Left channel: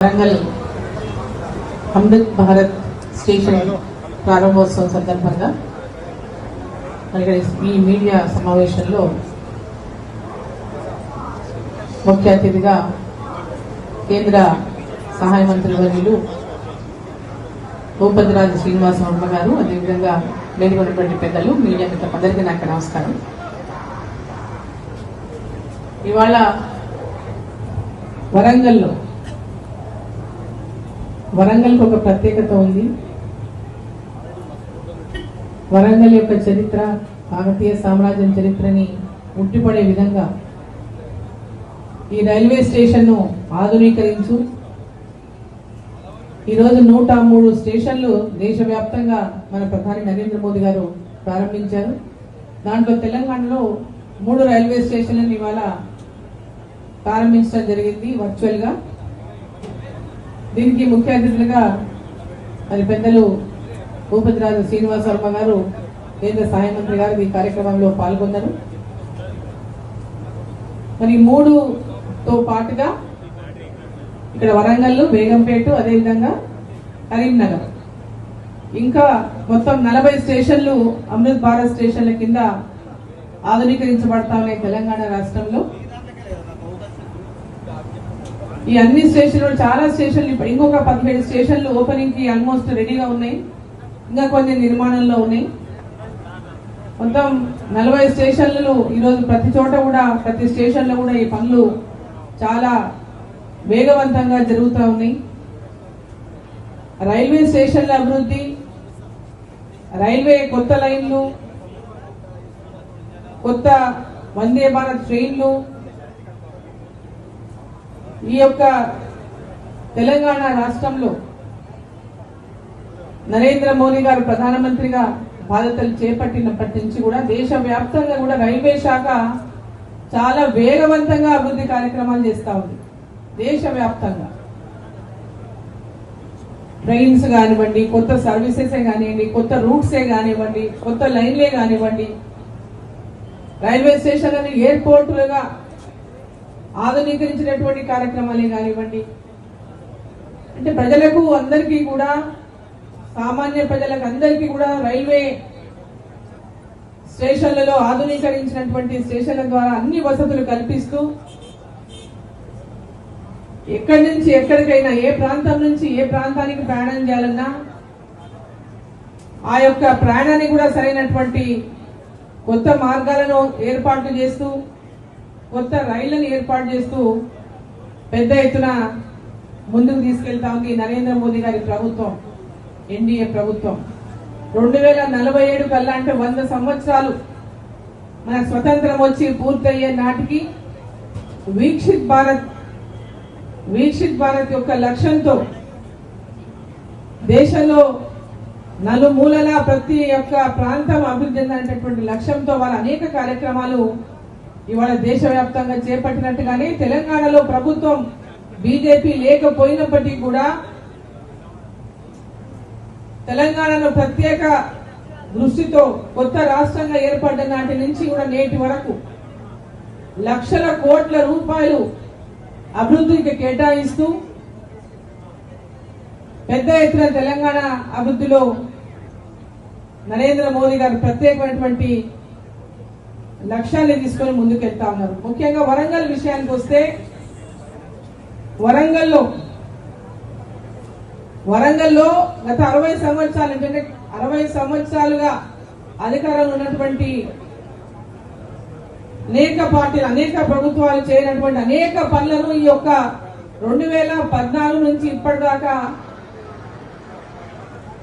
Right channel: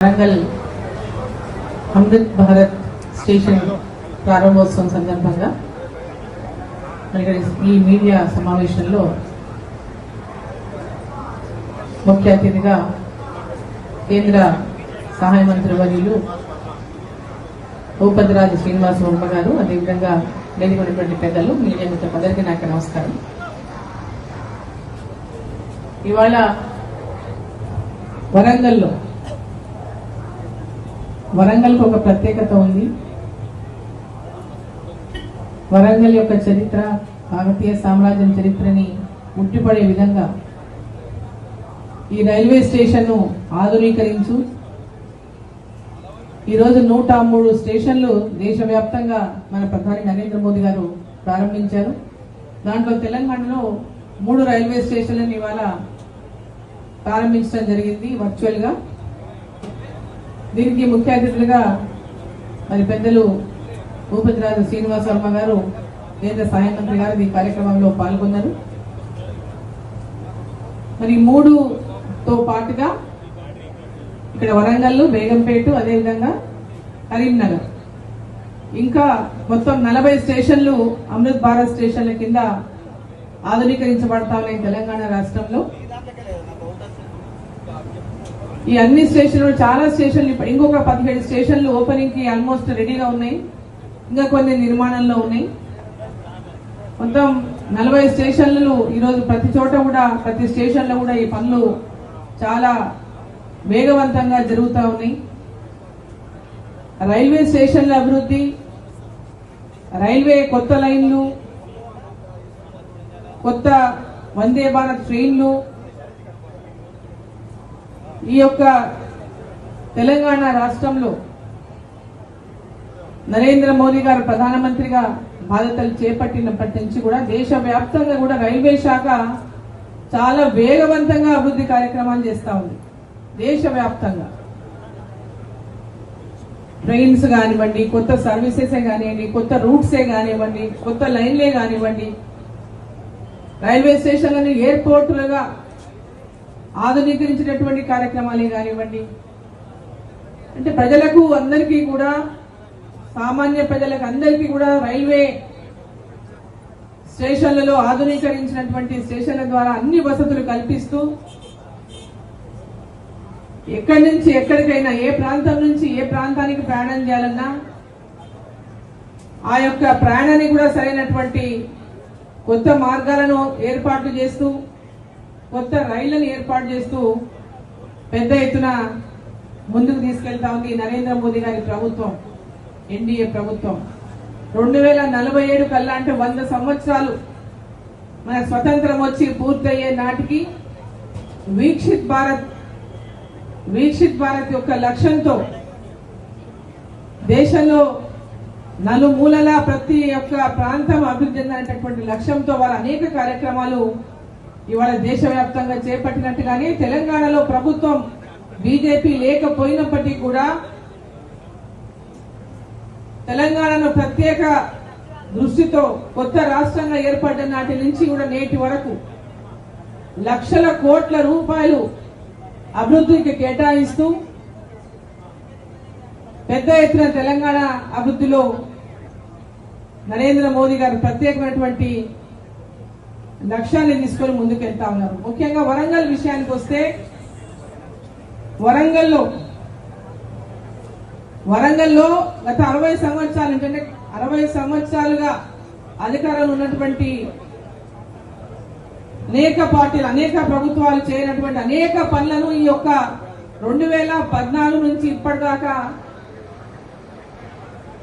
Warangal Amrit Bharat station ప్రారంభోత్సవం సందర్భంగా ఈ మీడియా సమావేశంలో ముఖ్య అతిథిగా కేంద్ర సహాయ మంత్రి వర్యులు భూపతిరాజు శ్రీనివాస వర్మ గారు అదేవిధంగా లేనికొన్నటువంటి పెద్దలు మీడియా మిత్రులందరికీ నాకు నమస్కారం. ఇవాళ వరంగల్లో వరంగల్కి ఒక ప్రత్యేకత ఉంది. వరంగల్ యొక్క చరిత్ర భారతీయ సామ్రాజ్యం చరిత్రని ఉట్టిపడే విధంగా ఈ రైల్వే స్టేషన్ను ఆధునీకరించు. ఈరోజు నూట మూడు స్టేషన్లు దేశవ్యాప్తంగా మన ప్రధాని నరేంద్ర మోదీ గారు ప్రారంభించారు. దాంట్లో తెలంగాణలో మూడు రైల్వే స్టేషన్లను ఇవాళ ప్రారంభించడం జరిగింది వర్చువల్గా. దీనికి ముఖ్య అతిథులుగా మరి పెద్దలు భూపతిరాజు శ్రీనివాస వర్మ గారు కేంద్ర సహాయ మంత్రి గారు ఈ కార్యక్రమంలో పాల్గొన్నారు. మరి మూడుతో పాటుగా ఇక్కడ వరంగల్ బేగంపేట అదేవిధంగా కరీంనగర్. ఇంకా మొత్తం నలభై స్టేషన్లు అమృత్ భారత్ స్టేషన్ల కింద ఆధునీకరించబడతా ఉన్నాయి తెలంగాణ రాష్ట్రంలో. ఈ అన్ని స్టేషన్లు చాలా స్టేషన్లు ఇప్పుడు ఇంకొక పదిహేడు స్టేషన్లు ఓపెనింగ్కి ఆల్మోస్ట్ రెడీగా ఉన్నాయి. ఇంకా కొన్ని నిర్మాణంలో ఉన్నాయి. మొత్తం నలభై స్టేషన్లు ఈరోజు ప్రతి చోట కూడా ప్రతి స్టేషన్లో కూడా ఈ పనులు చాలా వేగవంతంగా జరుగుతూ ఉన్నాయి. రైల్వే స్టేషన్ల అభివృద్ధి రైల్వే కొత్త లైన్లు కొత్త వందే భారత్ ట్రైన్లు ఈ యొక్క తెలంగాణ రాష్ట్రంలో నరేంద్ర మోదీ గారు ప్రధానమంత్రిగా బాధ్యతలు చేపట్టినప్పటి నుంచి కూడా దేశవ్యాప్తంగా కూడా రైల్వే శాఖ చాలా వేగవంతంగా అభివృద్ధి కార్యక్రమాలు చేస్తా ఉంది. దేశవ్యాప్తంగా. ట్రైన్స్ కానివ్వండి కొత్త సర్వీసెస్ కానివ్వండి కొత్త రూట్సే కానివ్వండి కొత్త లైన్లే కానివ్వండి రైల్వే స్టేషన్లను ఎయిర్పోర్టులుగా ఆధునీకరించినటువంటి కార్యక్రమాలే కానివ్వండి. అంటే ప్రజలకు అందరికీ కూడా సామాన్య ప్రజలకు అందరికీ కూడా రైల్వే స్టేషన్లలో ఆధునీకరించినటువంటి స్టేషన్ల ద్వారా అన్ని వసతులు కల్పిస్తూ ఎక్కడి నుంచి ఎక్కడికైనా ఏ ప్రాంతం నుంచి ఏ ప్రాంతానికి ప్రయాణం చేయాలన్నా ఆ యొక్క ప్రయాణాన్ని కూడా సరైనటువంటి కొత్త మార్గాలను ఏర్పాటు చేస్తూ కొత్త రైళ్ళను ఏర్పాటు చేస్తూ పెద్ద ఎత్తున ముందుకు తీసుకెళ్తా ఉంది నరేంద్ర మోదీ గారి ప్రభుత్వం ఎన్డీఏ ప్రభుత్వం. రెండు వేల నలభై ఏడు కల్లా అంటే వంద సంవత్సరాలు మన స్వతంత్రం వచ్చి పూర్తయ్యే నాటికి వీక్షిత్ భారత్ వీక్షిత్ భారత్ యొక్క లక్ష్యంతో దేశంలో నలుమూలలా ప్రతి ఒక్క ప్రాంతం అభివృద్ధి చెందినటువంటి లక్ష్యంతో వాళ్ళ అనేక కార్యక్రమాలు ఇవాళ దేశవ్యాప్తంగా చేపట్టినట్టుగానే తెలంగాణలో ప్రభుత్వం బీజేపీ లేకపోయినప్పటికీ కూడా తెలంగాణను ప్రత్యేక దృష్టితో కొత్త రాష్ట్రంగా ఏర్పడ్డ నాటి నుంచి కూడా నేటి వరకు లక్షల కోట్ల రూపాయలు అభివృద్ధికి కేటాయిస్తూ పెద్ద ఎత్తున తెలంగాణ అభివృద్ధిలో నరేంద్ర మోదీ గారు ప్రత్యేకమైనటువంటి లక్ష్యాన్ని తీసుకొని ముందుకెళ్తా ఉన్నారు. ముఖ్యంగా వరంగల్ విషయానికి వస్తే వరంగల్లో వరంగల్లో గత అరవై సంవత్సరాలు ఏంటంటే అరవై సంవత్సరాలుగా అధికారంలో ఉన్నటువంటి అనేక పార్టీలు అనేక ప్రభుత్వాలు చేయనటువంటి అనేక పనులను ఈ యొక్క రెండు వేల పద్నాలుగు నుంచి ఇప్పటిదాకా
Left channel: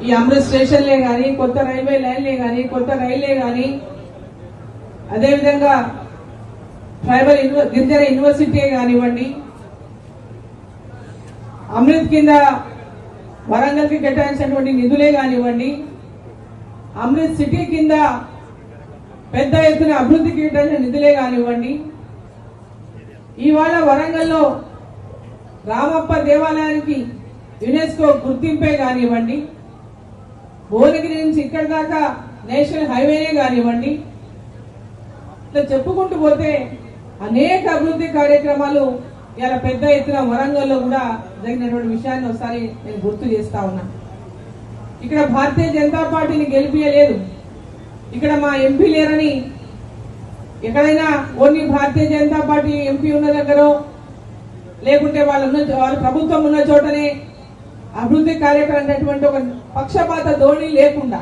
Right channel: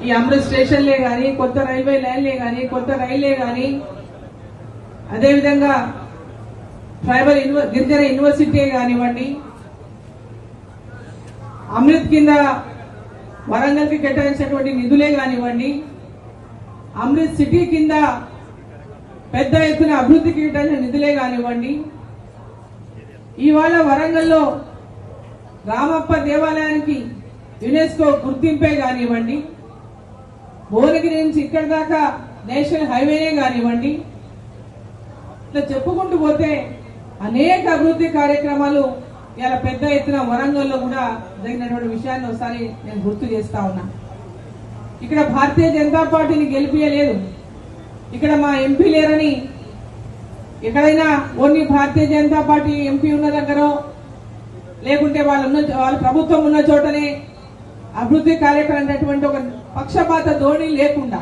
ఈ అమృత్ స్టేషన్లే కానీ కొత్త రైల్వే లైన్లే కానీ కొత్త రైలే కానీ అదేవిధంగా ట్రైబల్ యూనివ- గిరిజన యూనివర్సిటీ కానివ్వండి అమృత్ కింద వరంగల్కి కేటాయించినటువంటి నిధులే కానివ్వండి అమృత్ సిటీ కింద పెద్ద ఎత్తున అభివృద్ధికి కేటాయించిన నిధులే కానివ్వండి ఇవాళ వరంగల్లో రామప్ప దేవాలయానికి యునెస్కో గుర్తింపే కానివ్వండి భువనగిరి నుంచి ఇక్కడి దాకా నేషనల్ హైవేనే కానివ్వండి ఇట్లా చెప్పుకుంటూ పోతే అనేక అభివృద్ధి కార్యక్రమాలు ఇలా పెద్ద ఎత్తున వరంగల్లో కూడా జరిగినటువంటి విషయాన్ని ఒకసారి నేను గుర్తు చేస్తా ఉన్నా. ఇక్కడ భారతీయ జనతా పార్టీని గెలిపించలేదు ఇక్కడ మా ఎంపీ లేరని ఎక్కడైనా only Bharatiya Janata party MP ఉన్న దగ్గర లేకుంటే వాళ్ళు ఉన్న వాళ్ళ ప్రభుత్వం ఉన్న చోటనే అభివృద్ధి కార్యక్రమం అనేటువంటి ఒక పక్షపాత ధోరణి లేకుండా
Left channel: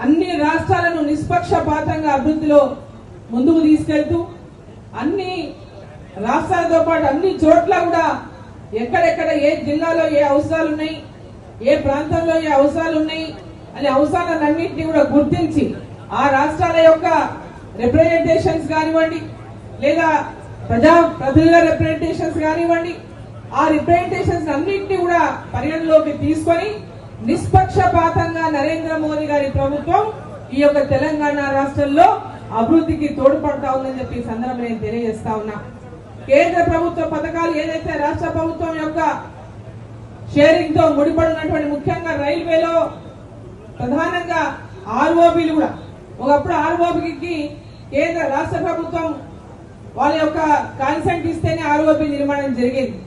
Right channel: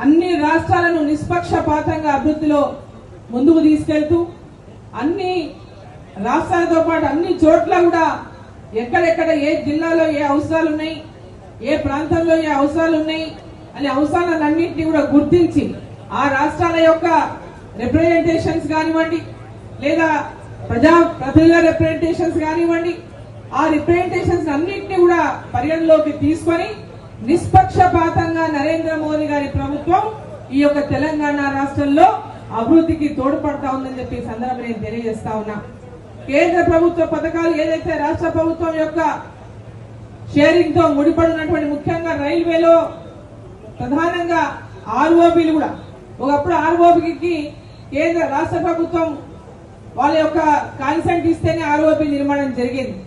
అన్ని రాష్ట్రాలను నిష్పక్షపాతంగా అభివృద్ధిలో ముందుకు తీసుకెళ్తూ అన్ని రాష్ట్రాలతో పాటు అన్ని చోట్ల కూడా ఎక్కడెక్కడ ఏ జిల్లాలో ఏ అవసరాలు ఉన్నాయి ఏ ప్రాంతంలో ఏ అవసరాలు ఉన్నాయి అనే అవసరాలన్నింటినీ కూడా గుర్తించి ఆ రాష్ట్రాల యొక్క రిప్రజెంటేషన్స్ కానివ్వండి లేదా ప్రజా ప్రజల రిప్రజెంటేషన్స్ కానివ్వండి ఆ రిప్రజెంటేషన్స్ అన్నింటినీ కూడా పరిగణలోకి తీసుకొని నిష్పక్షపాతంగా నరేంద్ర మోదీ గారి ప్రభుత్వం ఈ యొక్క తెలంగాణ రాష్ట్రంలో అభివృద్ధికి తోడ్పడతా ఉందని చెప్పి సందర్భం నేను తెలియజేస్తా ఉన్నా. కేంద్ర ప్రభుత్వ పథకాలు ఏదైతే రాష్ట్ర ప్రభుత్వం యొక్క షేరింగ్తో ముడిపడినటువంటి ముఖ్యంగా రైల్వేలో ప్రధానంగా ఆర్ఓబీలు కూడా. ఒకప్పుడు ఆర్ఓబికి కేంద్ర రాష్ట్ర ప్రభుత్వం వాళ్ళ యొక్క కాన్సెంట్ ఇస్తేనే ఆర్ఓబి నిర్మాణం జరిగింది.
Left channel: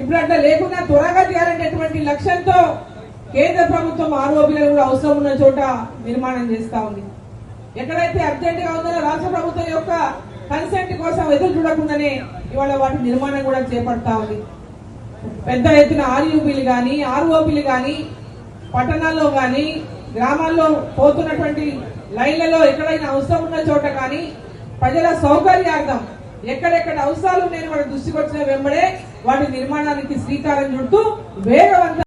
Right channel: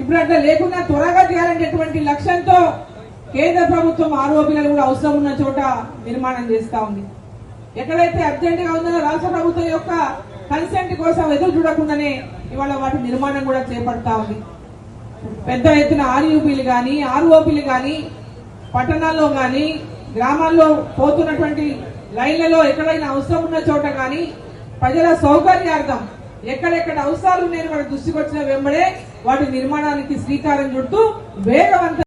ఇప్పుడు అట్లా లేకుండా త్వరగా చేయాలనేటువంటి లక్ష్యంతో కేంద్ర ప్రభుత్వం ఆరోపణలు కూడా అవసరం ఉన్న చోట నిర్మాణం చేస్తా ఉంది. ఎక్కడైతే అర్జెంట్గా ఉందో రాష్ట్ర ప్రభుత్వం యొక్క కన్సెంట్ కోసం ఎదురు చూడకుండానే ఇవాళ వాటి నిర్మాణం కూడా చేపడతా ఉంది. పెద్ద ఎత్తున ఆర్యూపీలు కానీ ఆర్ఓపీలు కానీ పట్టణాల్లో కానీ గ్రామాల్లో పోతున్నటువంటి లైన్లలో ఎక్కడైనా అవసరం ఉన్న చోట కానీ ప్రజల సౌకర్యార్థం ఎక్కడెక్కడ అవసరాలు ఉన్నాయని వాటి దృష్టికి వచ్చిన వెంబడే వాటి నిర్మాణానికి శ్రీకారం చుడుతూ వేగవంత